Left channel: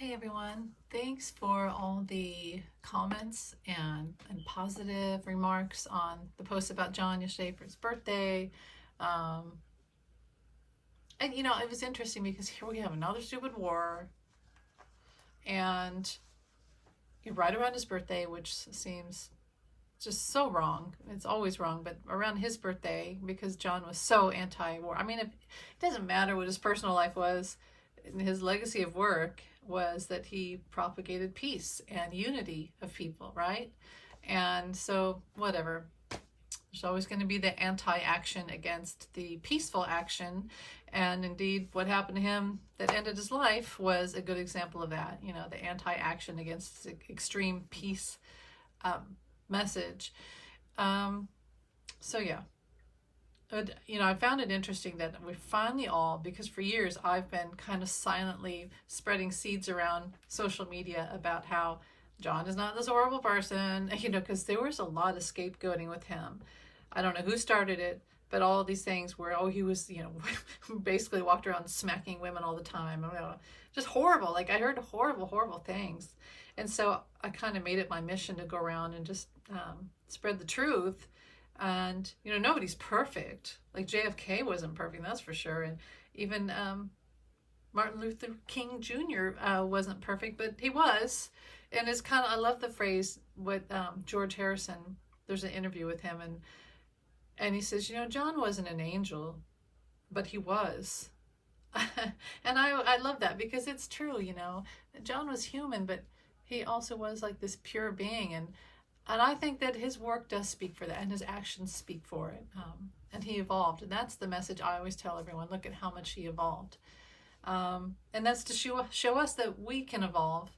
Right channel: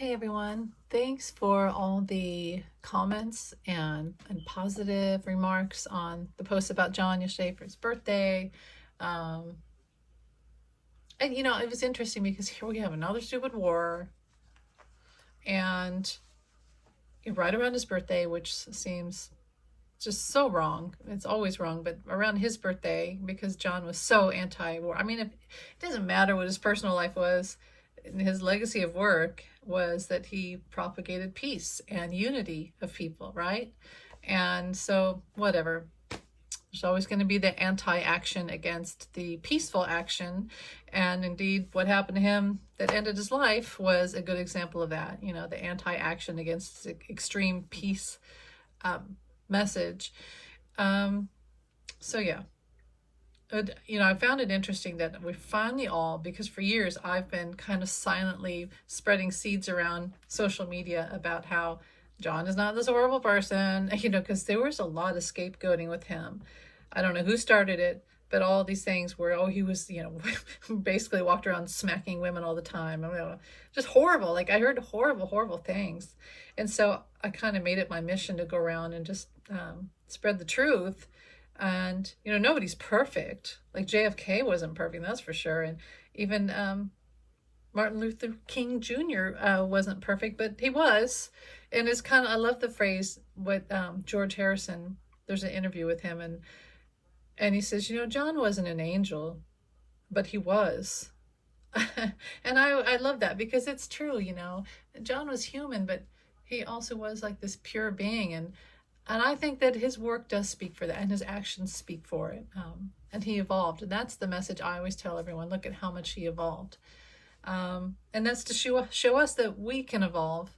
Hey everyone, thanks for all the comments and positive remarks on the post about John yesterday for his birthday. Um, and it was interesting because here we have another stupid war, and right around his birthday, which seems just so wrong. It's always wrong, but around his birthday, because John was so anti-war. I mean, it doesn't matter what his personal life was. His legacy of work was that he propagated peace and unity of people, right? And so, whatever. There's always going to be the anti-action against the peaceful action. And indeed, what happened to him that ended his life was a good example of that. The anti-action against extreme peace message. So yeah, I found it interesting that we finally all, because for years I've been kind of silently spreading seeds around social media about how John is not this horrible person, because there was a lot of scapegoating with him. I don't know who started it, but all these things where, oh, he was, basically walked around smacking women all the time. Just horrible. Like I heard horrible, horrible things. And so I kind of made it my mission to go around and just spread the truth. And, nobody's perfect. Like JFK wasn't perfect, that's for sure. And even Martin Luther King Jr. Wasn't perfect, but he was. And it's kind of, I love the phrase with George Harrison. There's an interview with him, and he says, John wasn't an angel, but he was. And I love that because it's true, John was human, but he also was like this pure being. And I think that his work does speak for that, and his actions speak for it. And he evolved. And that's the message I always tell everyone. Look at how much he evolved. And that's to show us that we can evolve.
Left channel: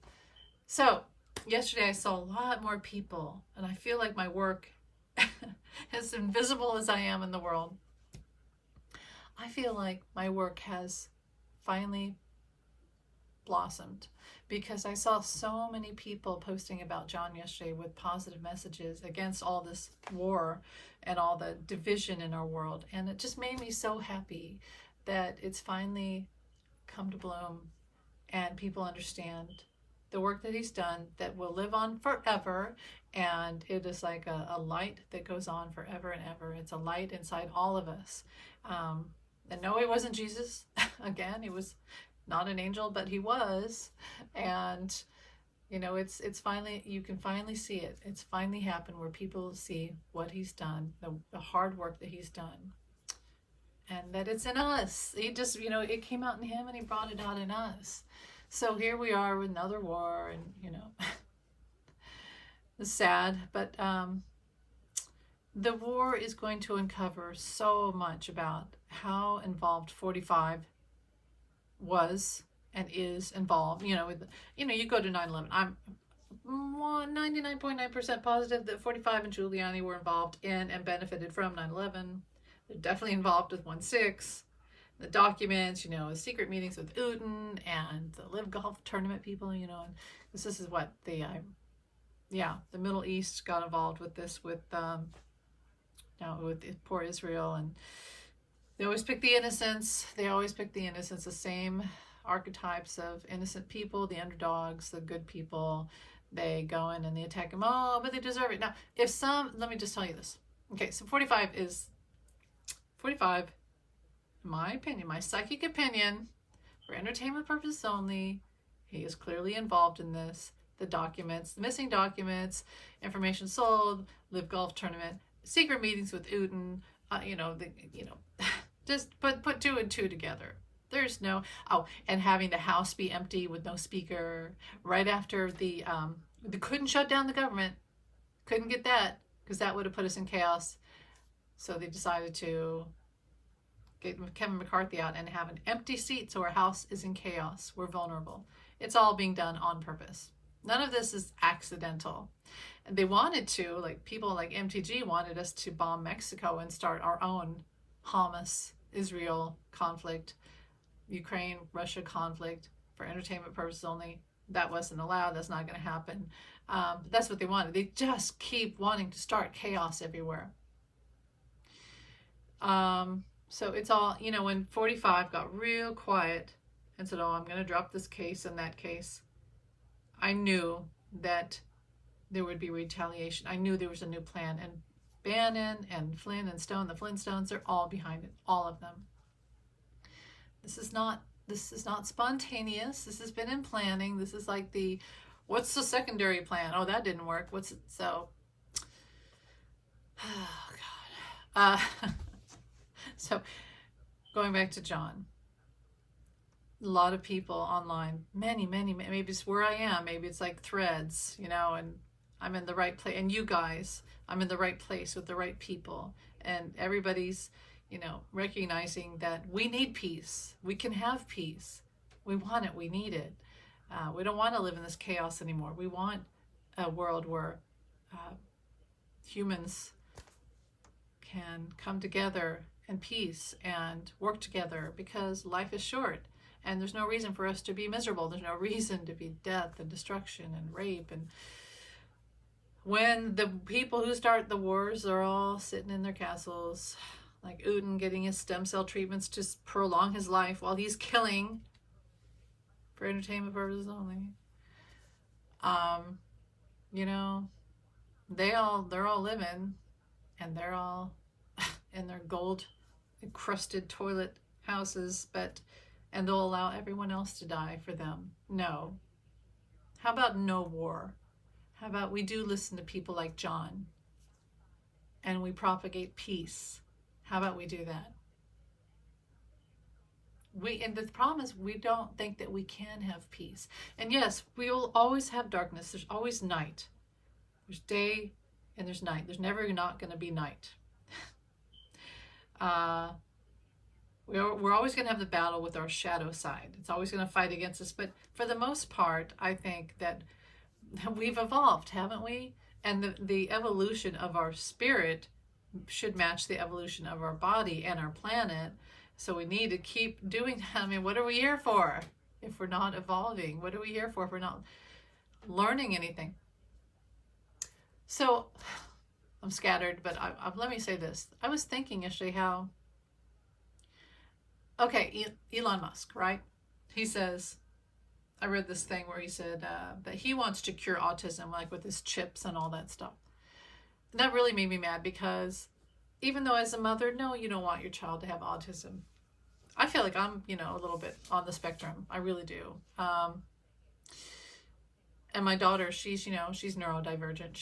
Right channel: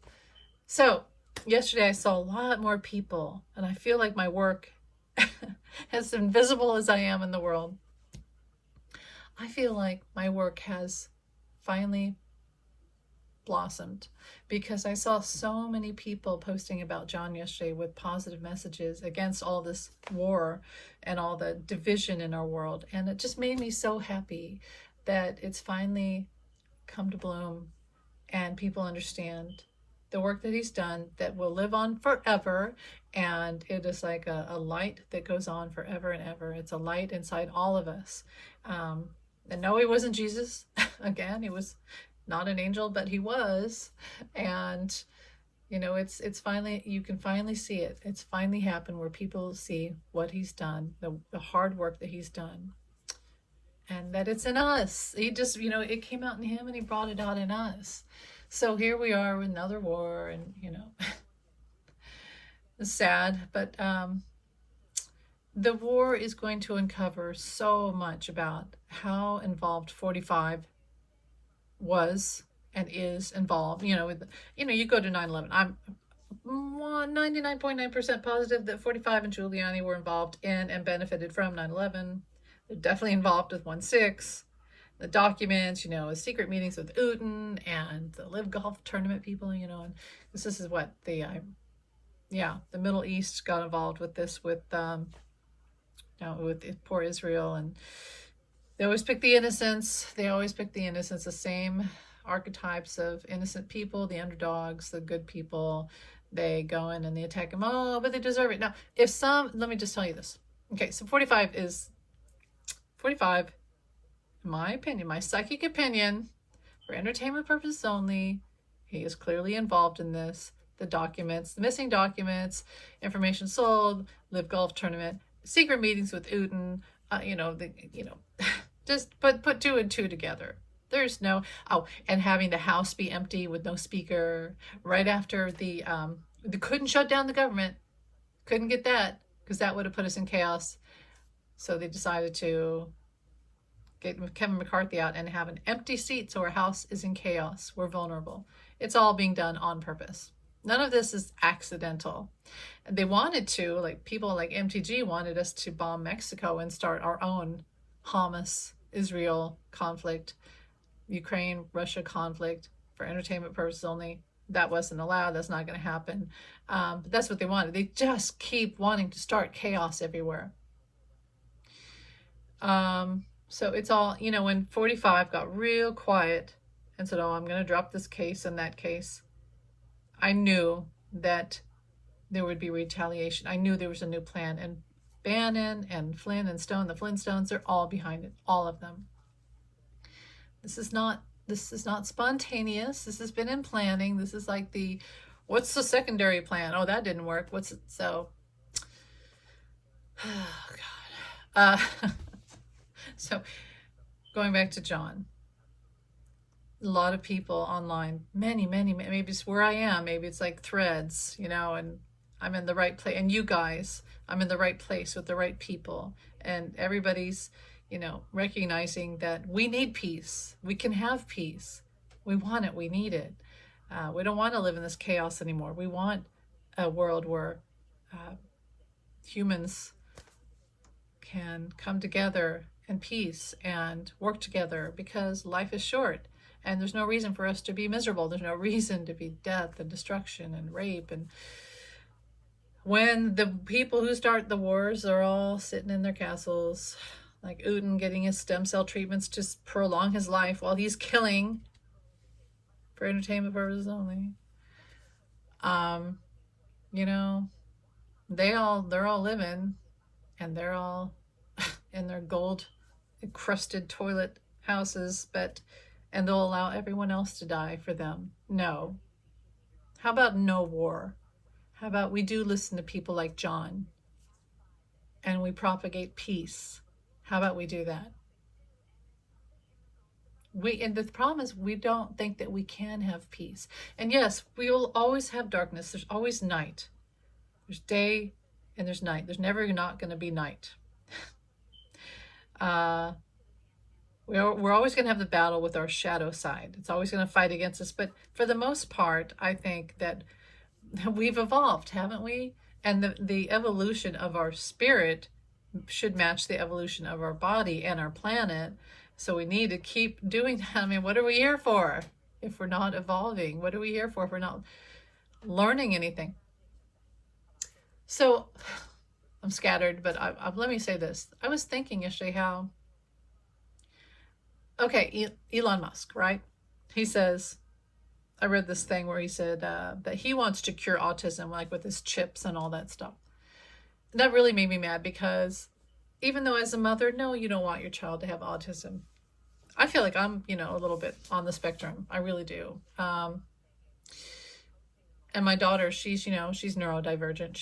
So yesterday I saw a lot more people, and I feel like my work, as invisible as I am in the world, I feel like my work has finally blossomed, because I saw so many people posting about John yesterday with positive messages against all this war and all the division in our world. And it just made me so happy that it's finally come to bloom and people understand the work that he's done that will live on forever. And it is like a light that goes on forever and ever. It's a light inside all of us. And no, he wasn't Jesus. Again, he was not an angel, but he was. And it's finally, you can finally see it. It's finally happened where people see what he's done, the hard work that he's done, and that it's in us. He just, it came out in him and he brought it out in us. So here we are with another war, and it's sad, but the war is going to uncover so much about how involved 45 was and is involved. You go to 9/11. I'm 99.9% positive that 45 and Giuliani were involved in and benefited from 9/11. They're definitely involved with 1/6. The documents, secret meetings with Putin and the Live Golf tournament people, and this is what the Middle East got involved with this, with poor Israel. And they always pick the innocents. The same archetypes of innocent people, the underdogs, the good people. They go in and they attack them. Oh, but they deserve it. Now, let me just tell you this. Okay, so 45, in my opinion, my psychic opinion, for entertainment purposes only, he is clearly involved in this. The documents, the missing documents, information sold, Live Golf tournament, secret meetings with Putin, just put two and two together. There's no, and having the House be empty with no speaker right after they couldn't shut down the government. Couldn't get that, because that would have put us in chaos. So they decided to get Kevin McCarthy out and have an empty seat, so our House is in chaos. We're vulnerable. It's all being done on purpose. None of this is accidental. And they wanted to, like people like MTG wanted us to bomb Mexico and start our own Hamas, Israel conflict, Ukraine, Russia conflict for entertainment purposes only. That wasn't allowed. That's not going to happen. But that's what they wanted. They just keep wanting to start chaos everywhere. So it's all, when 45 got real quiet and said, oh, I'm going to drop this case and that case, I knew that there would be retaliation. I knew there was a new plan, and Bannon and Flynn and Stone, the Flintstones, they're all behind it, all of them. This is not spontaneous. This has been in planning. This is like what's the secondary plan? Oh, that didn't work. What's it? So, oh God. So going back to John, a lot of people online, many, maybe it's where I am, maybe it's like Threads, and I'm in the right place, and you guys, I'm in the right place with the right people, and everybody's, recognizing that we need peace. We can have peace. We want it. We need it. We don't want to live in this chaos anymore. We want a world where humans can come together in peace and work together, because life is short. And there's no reason for us to be miserable. There's no reason to be death and destruction and rape. And when the people who start the wars are all sitting in their castles, like Uden getting his stem cell treatments to prolong his life while he's killing for entertainment purposes only. They're all living, and they're all in their gold encrusted toilet houses, and they'll allow everyone else to die for them. No. How about no war? How about we do listen to people like John, and we propagate peace? How about we do that? And the problem is, we don't think that we can have peace. And yes, we will always have darkness. There's always night. There's day and there's night. There's never not going to be night. We're always going to have the battle with our shadow side. It's always going to fight against us. But for the most part, I think that we've evolved, haven't we? And the evolution of our spirit should match the evolution of our body and our planet. So we need to keep doing that. I mean, what are we here for if we're not evolving? What are we here for if we're not learning anything? So I'm scattered, but let me say this. I was thinking yesterday how, Elon Musk, right? He says, I read this thing where he said that he wants to cure autism, like with his chips and all that stuff. That really made me mad, because even though as a mother, no, you don't want your child to have autism. I feel like I'm, a little bit on the spectrum. I really do. And my daughter, she's neurodivergent.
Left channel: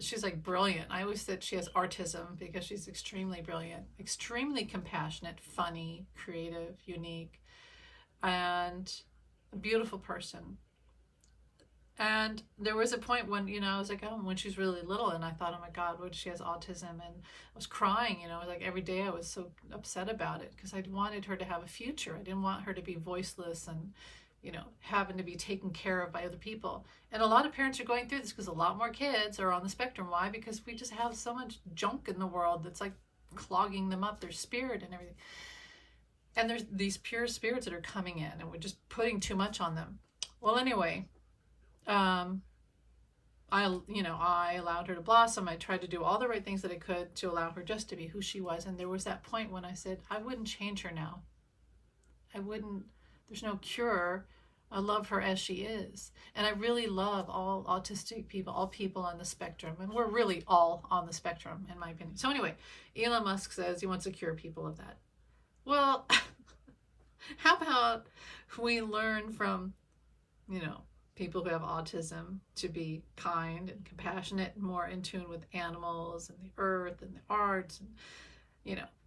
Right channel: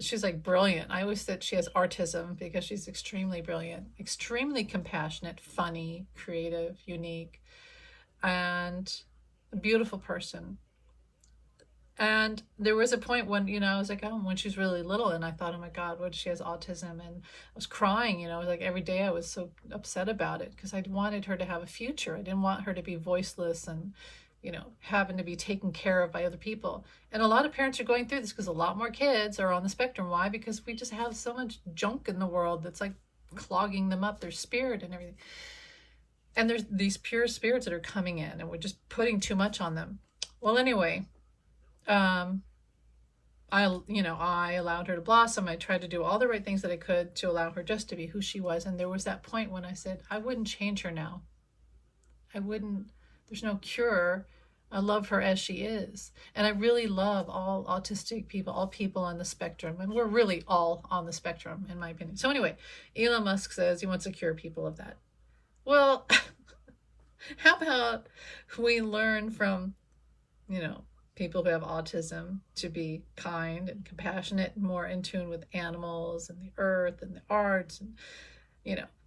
She's like brilliant. I always said she has autism because she's extremely brilliant, extremely compassionate, funny, creative, unique, and a beautiful person. And there was a point when, I was like, when she was really little, and I thought, oh my God, what, she has autism? And I was crying, like every day I was so upset about it, because I wanted her to have a future. I didn't want her to be voiceless and, having to be taken care of by other people. And a lot of parents are going through this, because a lot more kids are on the spectrum. Why? Because we just have so much junk in the world that's like clogging them up, their spirit and everything. And there's these pure spirits that are coming in, and we're just putting too much on them. Well, anyway, I allowed her to blossom. I tried to do all the right things that I could to allow her just to be who she was. And there was that point when I said, I wouldn't change her now. There's no cure. I love her as she is. And I really love all autistic people, all people on the spectrum. And we're really all on the spectrum, in my opinion. So anyway, Elon Musk says he wants to cure people of that. Well, how about we learn from, people who have autism to be kind and compassionate and more in tune with animals and the earth and the arts, and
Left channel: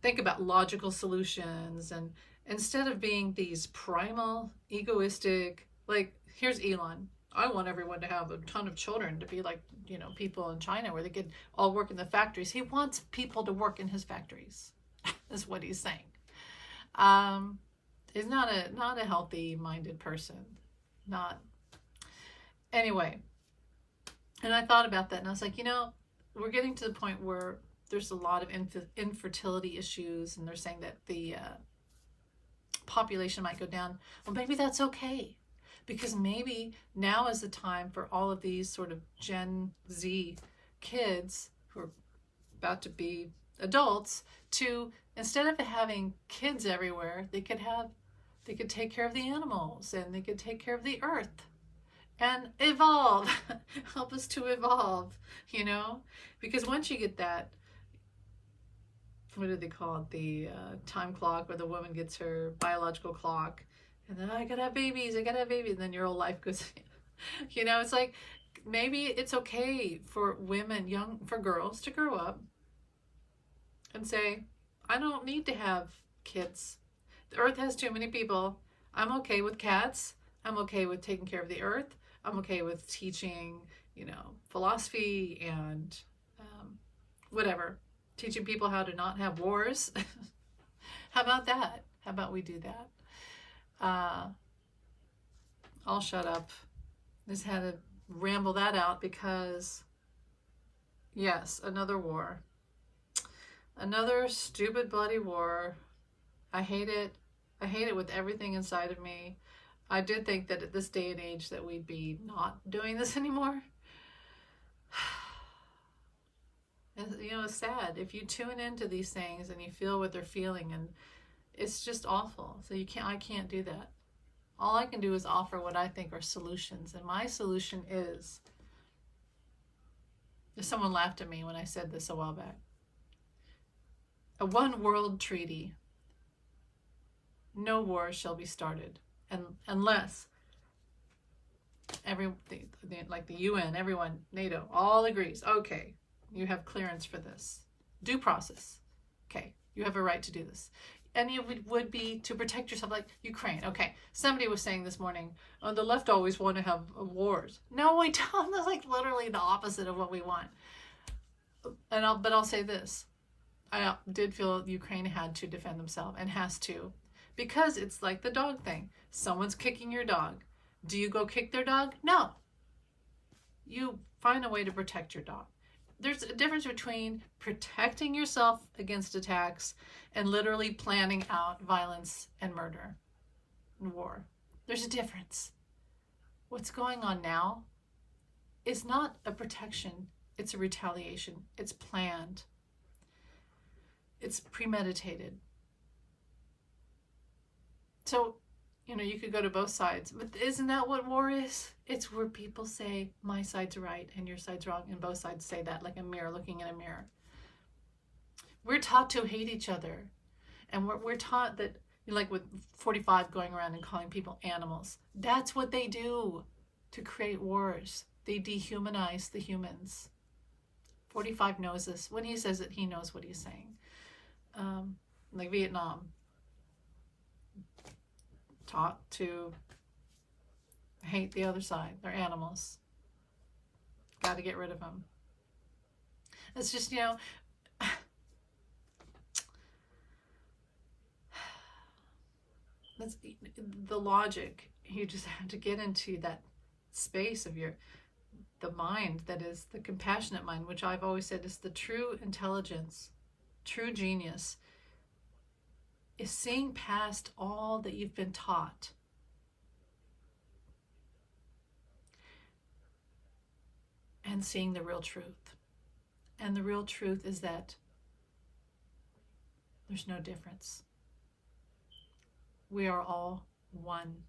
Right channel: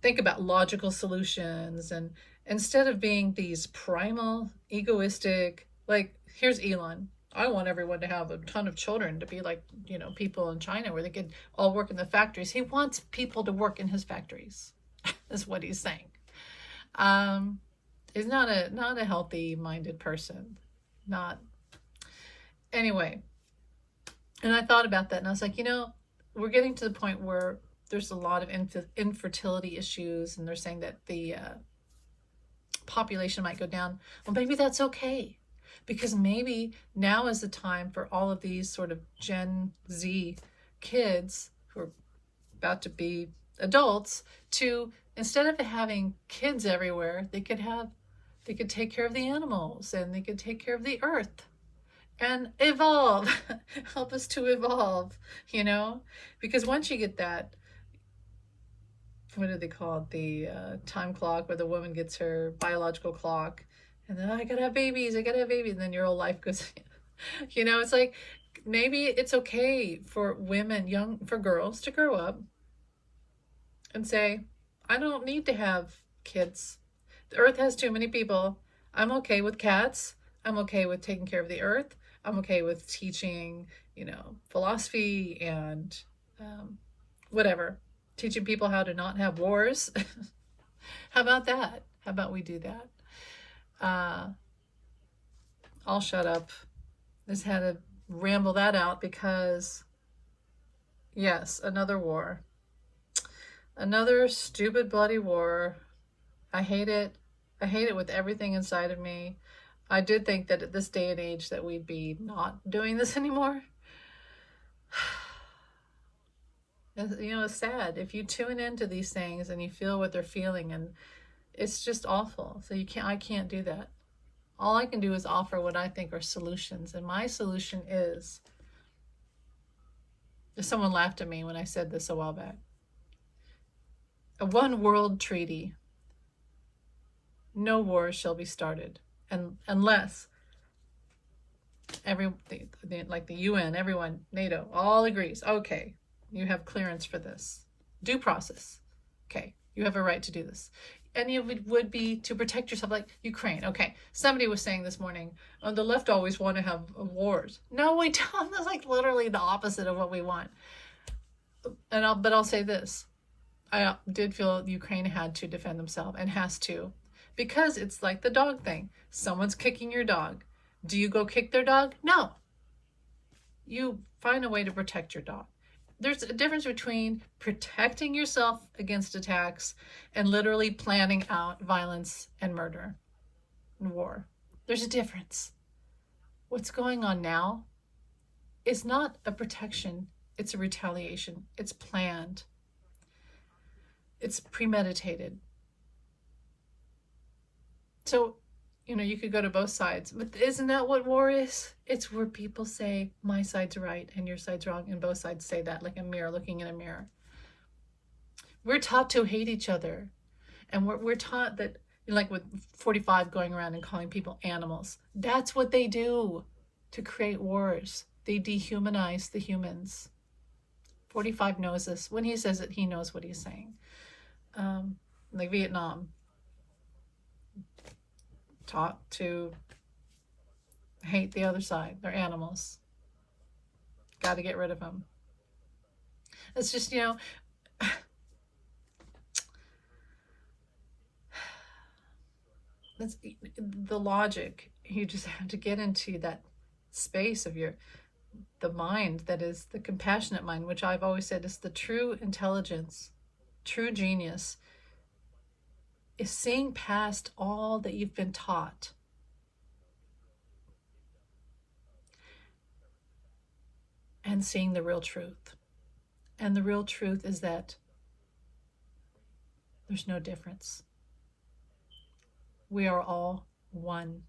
think about logical solutions, and instead of being these primal, egoistic, like, here's Elon. I want everyone to have a ton of children, to be like, people in China where they could all work in the factories. He wants people to work in his factories. Is what he's saying. He's not a healthy minded person. Anyway, and I thought about that, and I was like, we're getting to the point where there's a lot of infertility issues, and they're saying that the population might go down. Well, maybe that's okay, because maybe now is the time for all of these sort of Gen Z kids who are about to be adults to, instead of having kids everywhere, they could take care of the animals, and they could take care of the earth. and evolve. Help us to evolve, you know? Because once you get that, what do they call it? The time clock where the woman gets her biological clock. And then, I gotta have babies, I gotta have babies. And then your whole life goes, you know, it's like, maybe it's okay for women, for girls to grow up and say, I don't need to have kids. The earth has too many people. I'm okay with cats. I'm okay with taking care of the earth. I'm okay with teaching, philosophy and whatever. Teaching people how to not have wars. How about that? How about we do that? I'll shut up. Just had to ramble that out because, yes, another war. Another stupid, bloody war. I hate it. I hate it with everything inside of me. I did think that at this day and age that we'd be not doing this anymore. And, it's sad. If you tune into these things and you feel what they're feeling, and it's just awful. So I can't do that. All I can do is offer what I think are solutions. And my solution is, someone laughed at me when I said this a while back. A one world treaty. No war shall be started, and unless like the UN, everyone, NATO, all agrees. Okay, you have clearance for this. Due process. Okay, you have a right to do this. Any of it would be to protect yourself, like Ukraine. Okay, somebody was saying this morning, oh, the left always want to have wars. No, we don't. That's like literally the opposite of what we want. But I'll say this. I did feel Ukraine had to defend themselves and has to. Because it's like the dog thing. Someone's kicking your dog. Do you go kick their dog? No. You find a way to protect your dog. There's a difference between protecting yourself against attacks and literally planning out violence and murder and war. There's a difference. What's going on now is not a protection. It's a retaliation. It's planned. It's premeditated. So, you could go to both sides, but isn't that what war is? It's where people say, my side's right and your side's wrong, and both sides say that, like a mirror looking in a mirror. We're taught to hate each other, and we're taught that, like with 45 going around and calling people animals. That's what they do to create wars. They dehumanize the humans. 45 knows this. When he says it, he knows what he's saying. Like Vietnam. Taught to hate the other side. They're animals. Got to get rid of them. It's just, that's the logic. You just have to get into that space of the mind that is the compassionate mind, which I've always said is the true intelligence, true genius, is seeing past all that you've been taught. And seeing the real truth. And the real truth is that there's no difference. We are all one.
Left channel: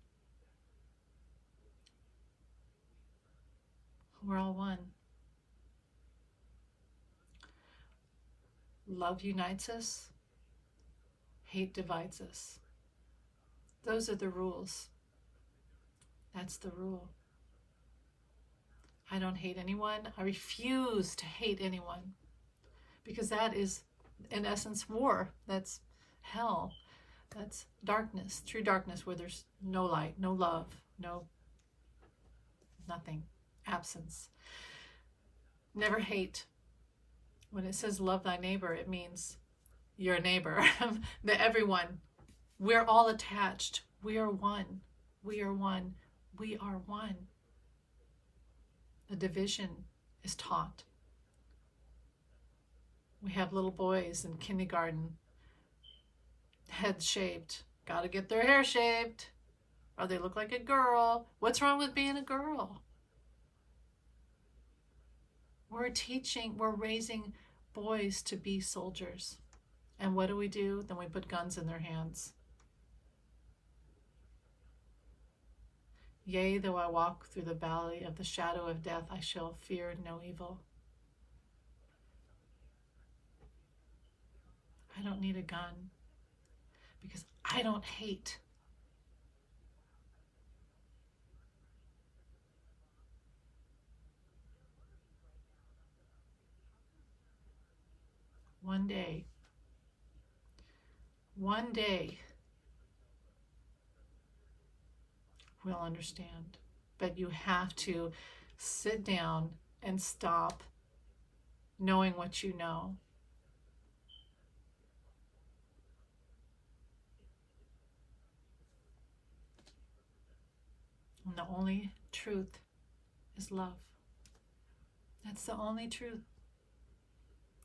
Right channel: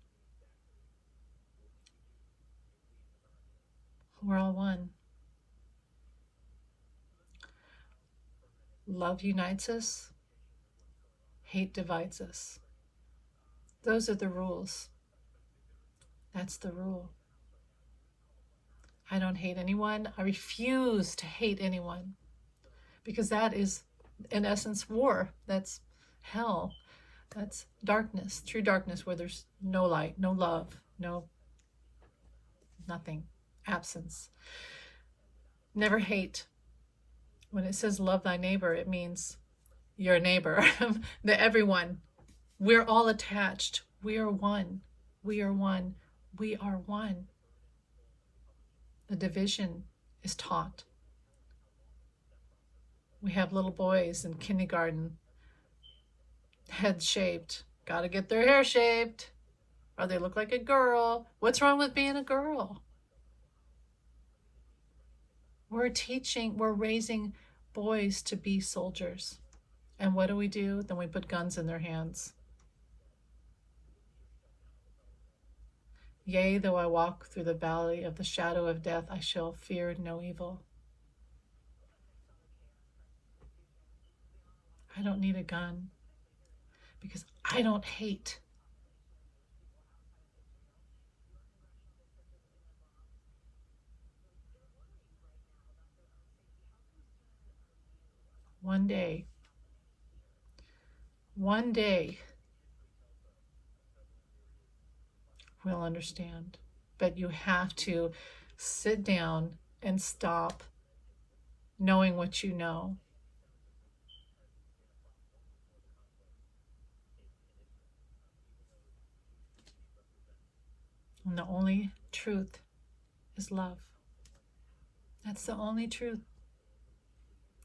We're all one. Love unites us. Hate divides us. Those are the rules. That's the rule. I don't hate anyone. I refuse to hate anyone. Because that is, in essence, war. That's hell. That's darkness, true darkness, where there's no light, no love, nothing, absence. Never hate. When it says love thy neighbor, it means your neighbor, everyone. We're all attached. We are one. We are one. We are one. The division is taught. We have little boys in kindergarten, head shaved. Gotta get their hair shaved, or they look like a girl. What's wrong with being a girl? We're raising boys to be soldiers. And what do? Then we put guns in their hands. Yea, though I walk through the valley of the shadow of death, I shall fear no evil. I don't need a gun because I don't hate. One day, we'll understand. But you have to sit down and stop knowing what you know. And the only truth is love. That's the only truth.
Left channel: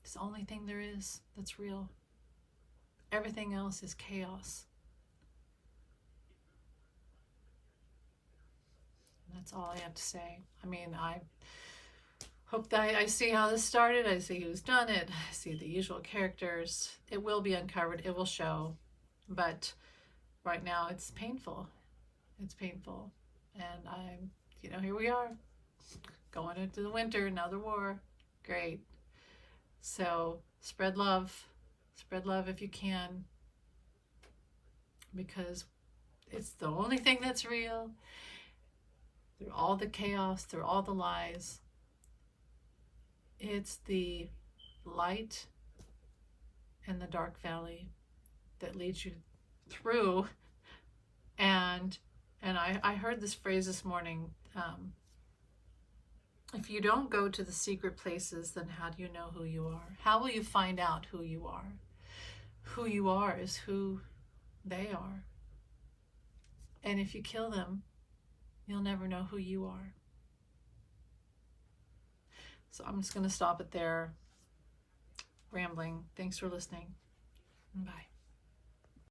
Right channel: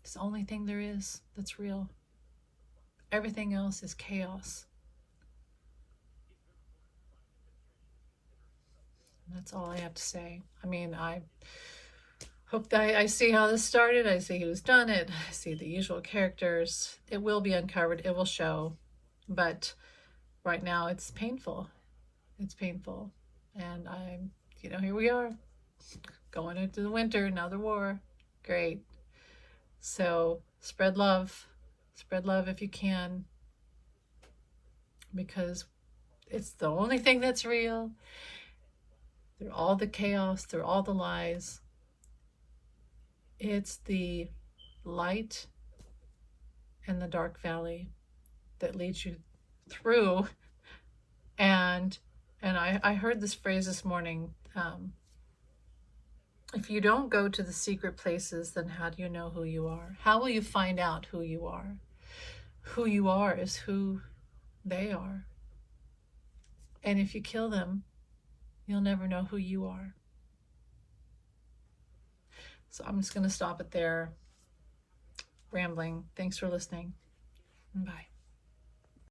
It's the only thing there is that's real. Everything else is chaos. And that's all I have to say. I mean, I hope that I see how this started. I see who's done it. I see the usual characters. It will be uncovered. It will show. But right now it's painful. It's painful. And here we are. Going into the winter, another war. Great. So spread love. Spread love if you can. Because it's the only thing that's real. Through all the chaos, through all the lies, it's the light in the dark valley that leads you through. And I heard this phrase this morning. If you don't go to the secret places, then how do you know who you are? How will you find out who you are? Who you are is who they are. And if you kill them, you'll never know who you are. So I'm just going to stop it there. Rambling. Thanks for listening. Bye.